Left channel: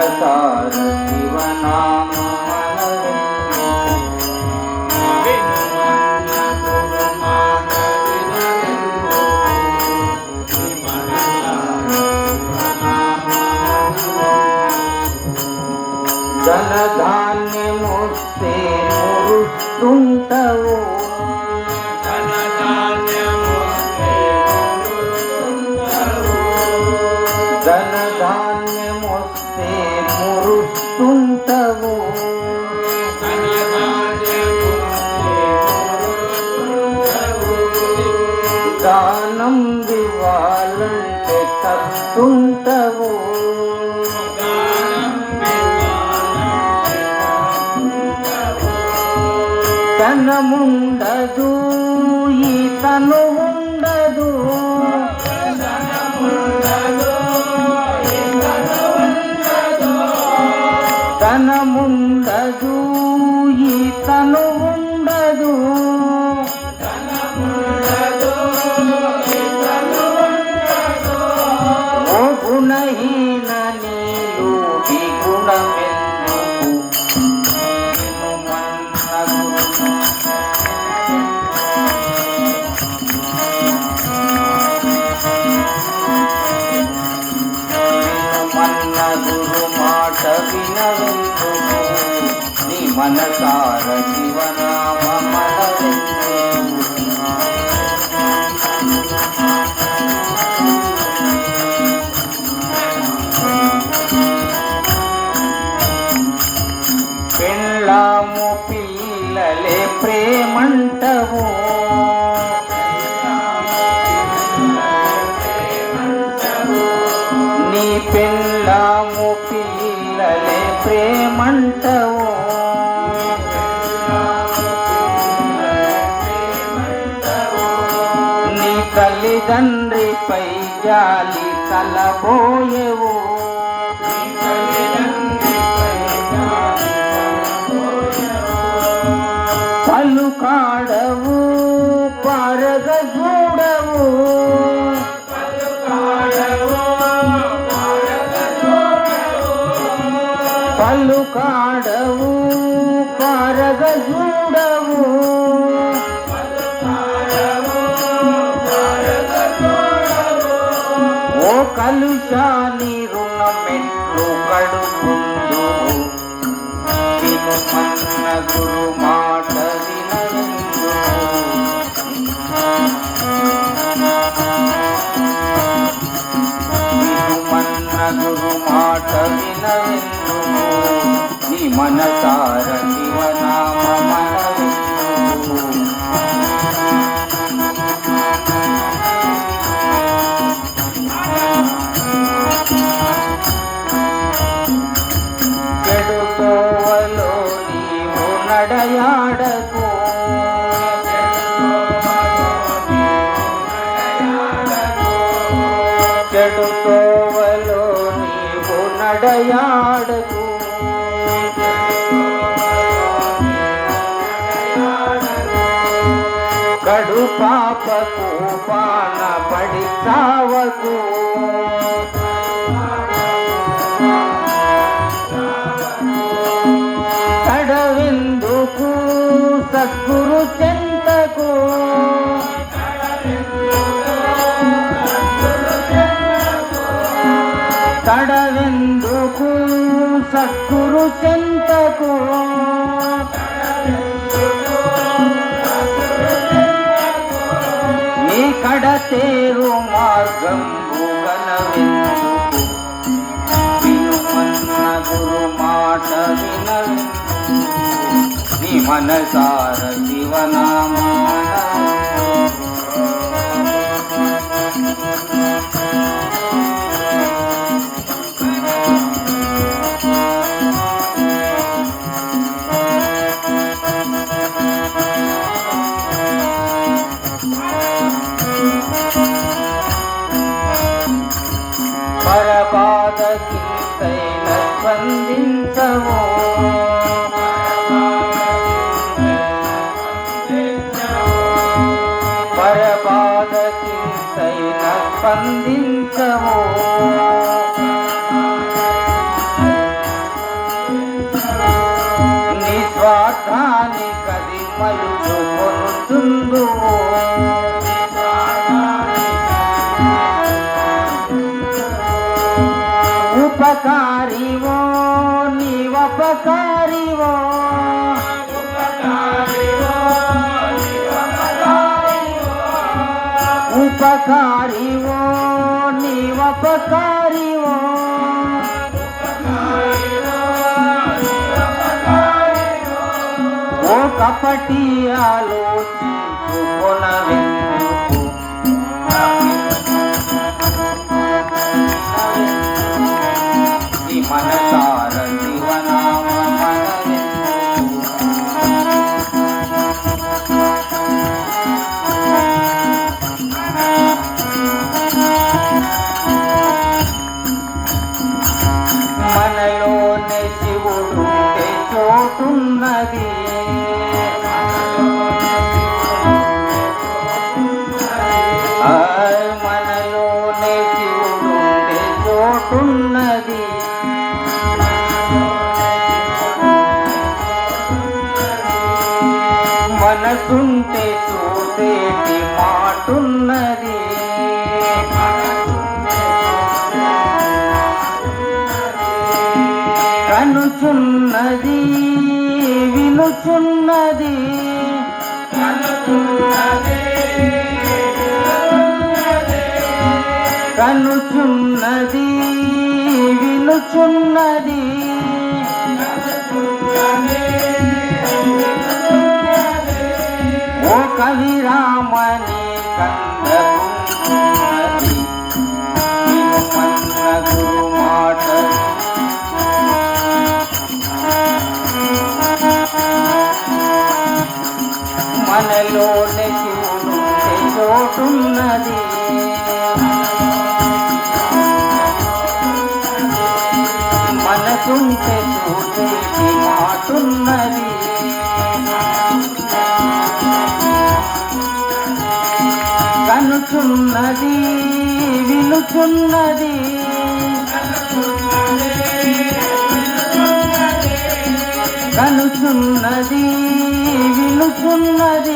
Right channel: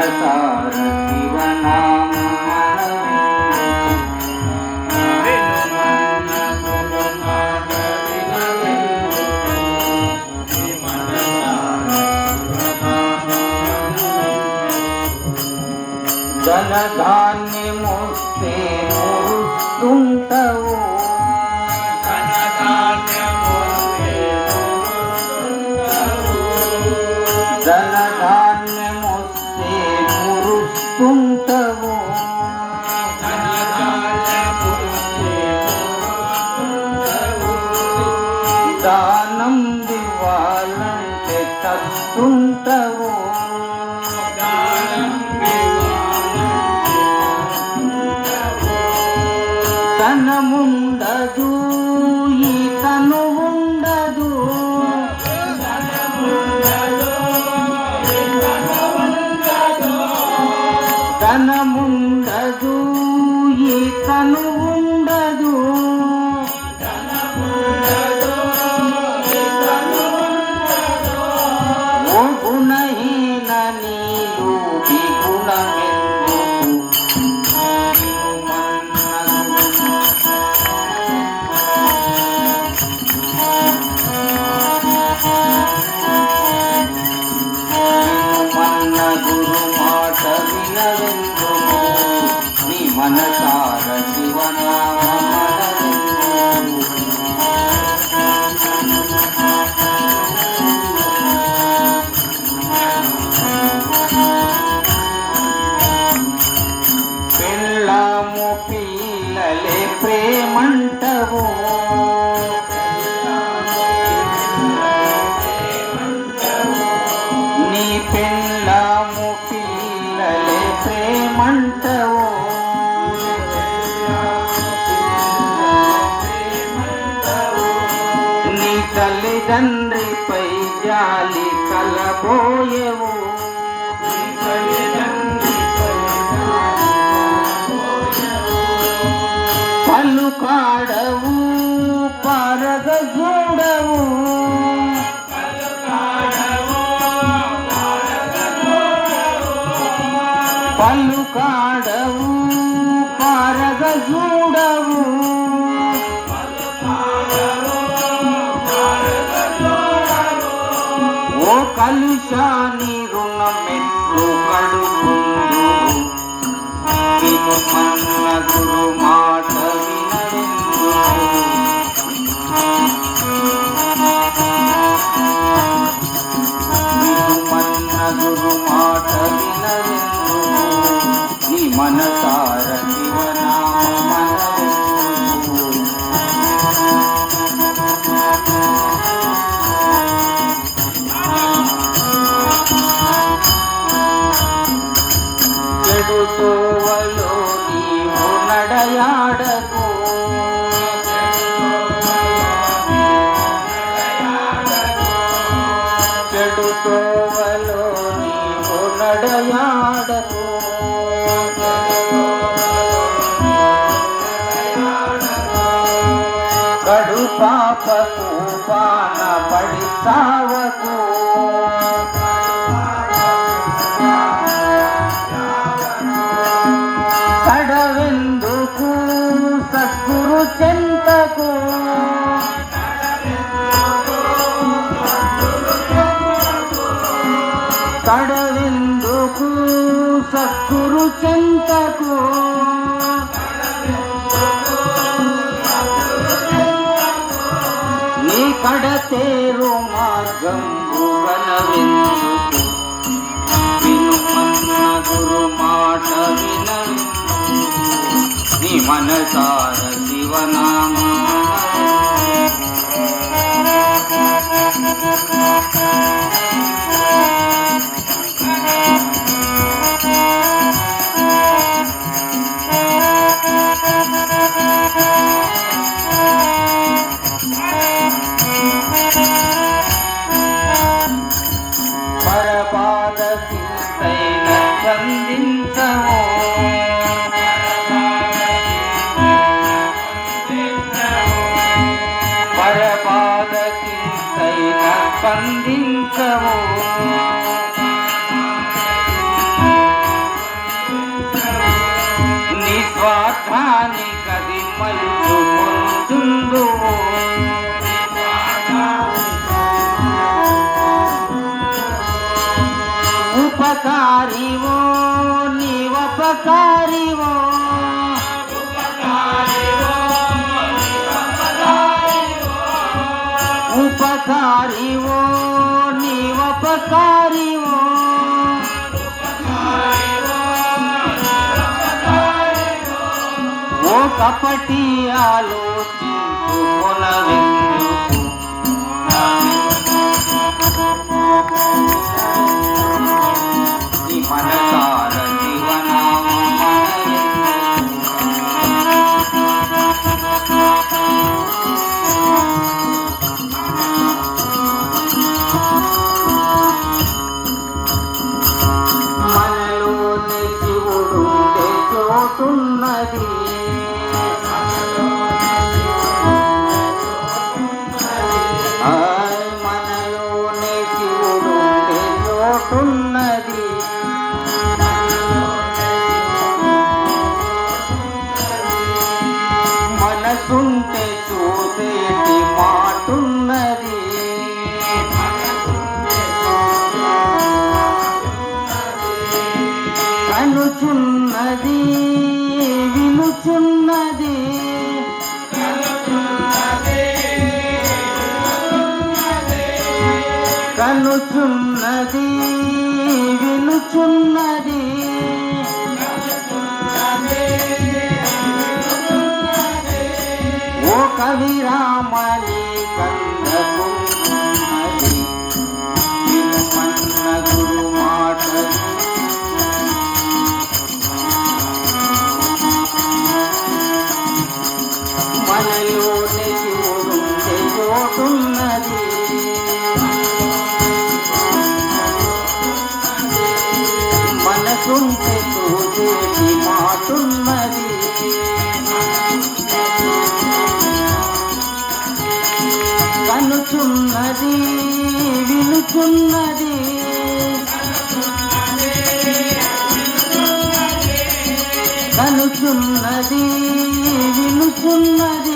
మనసార శివనామ ధనధాన్యమొస్తే మురుస్తుంటవు ధనధాన్యమొస్తే మురుస్తుంటవు దానం ఇవ్వాలంటే తస్తుంటవు ధనముండదు ఈ తను ఉండదు ధనముండదు ఈ తను ఉండదు ఓ గుణహీన నీలు ఈ గుణమెందుకు గురు మాట వినవెందుకు నీ మనసార శివనామ పెళ్ళాము పిల్లలే ప్రేమంటవు నీ పెళ్ళాము పిల్లలే ప్రేమంటవు నీ తల్లిదండ్రిపై జాలి కలబోయవు పలుకాడవు పారగ చూడవు పలుకాడవు పారగ చూడవు ఓ కలుషాని రుణమెట్లు కడుకుందు వినుమన్న గురు మాట వినవెందుకు వినుమన్న గురు మాట వినవెందుకు నీ మనసార శివనామ మనవెందుకు చెడు తోవలో నీవు నడయాడకు చెడు తోవలో నీవు నడయాడకు కడు పాపకు పాన పడి సావకు కడవెందుకు సద్గురు చెంతకు కడవెందుకు సద్గురు చెంతకు నీ కడతేరు మార్గం వినుమన్న గురు మాట వినవెందుకు నీ మనసార శివనామ పరపాద చింతైన స్పందించము పరపాద చింతైన స్పందించము కపటి ఆలోచించుకొనవెందుకు నీ మనసార మనలోనే శివుడు చోటున్నది మనలోనే శివుడు చోటున్నది మనసుంటే చూసేటి మాటున్నది కనుచున్నది వినుచున్నది కనుచున్నది వినుచున్నది ఓ కవిరామని కందకున్నది వినుమన్న గురు మాట మనలోనే శివుడు చోటున్నది మనసుంటే చూసేటి మాటున్నది కనుచున్నది వినుచున్నది కనుచున్నది వినుచున్నది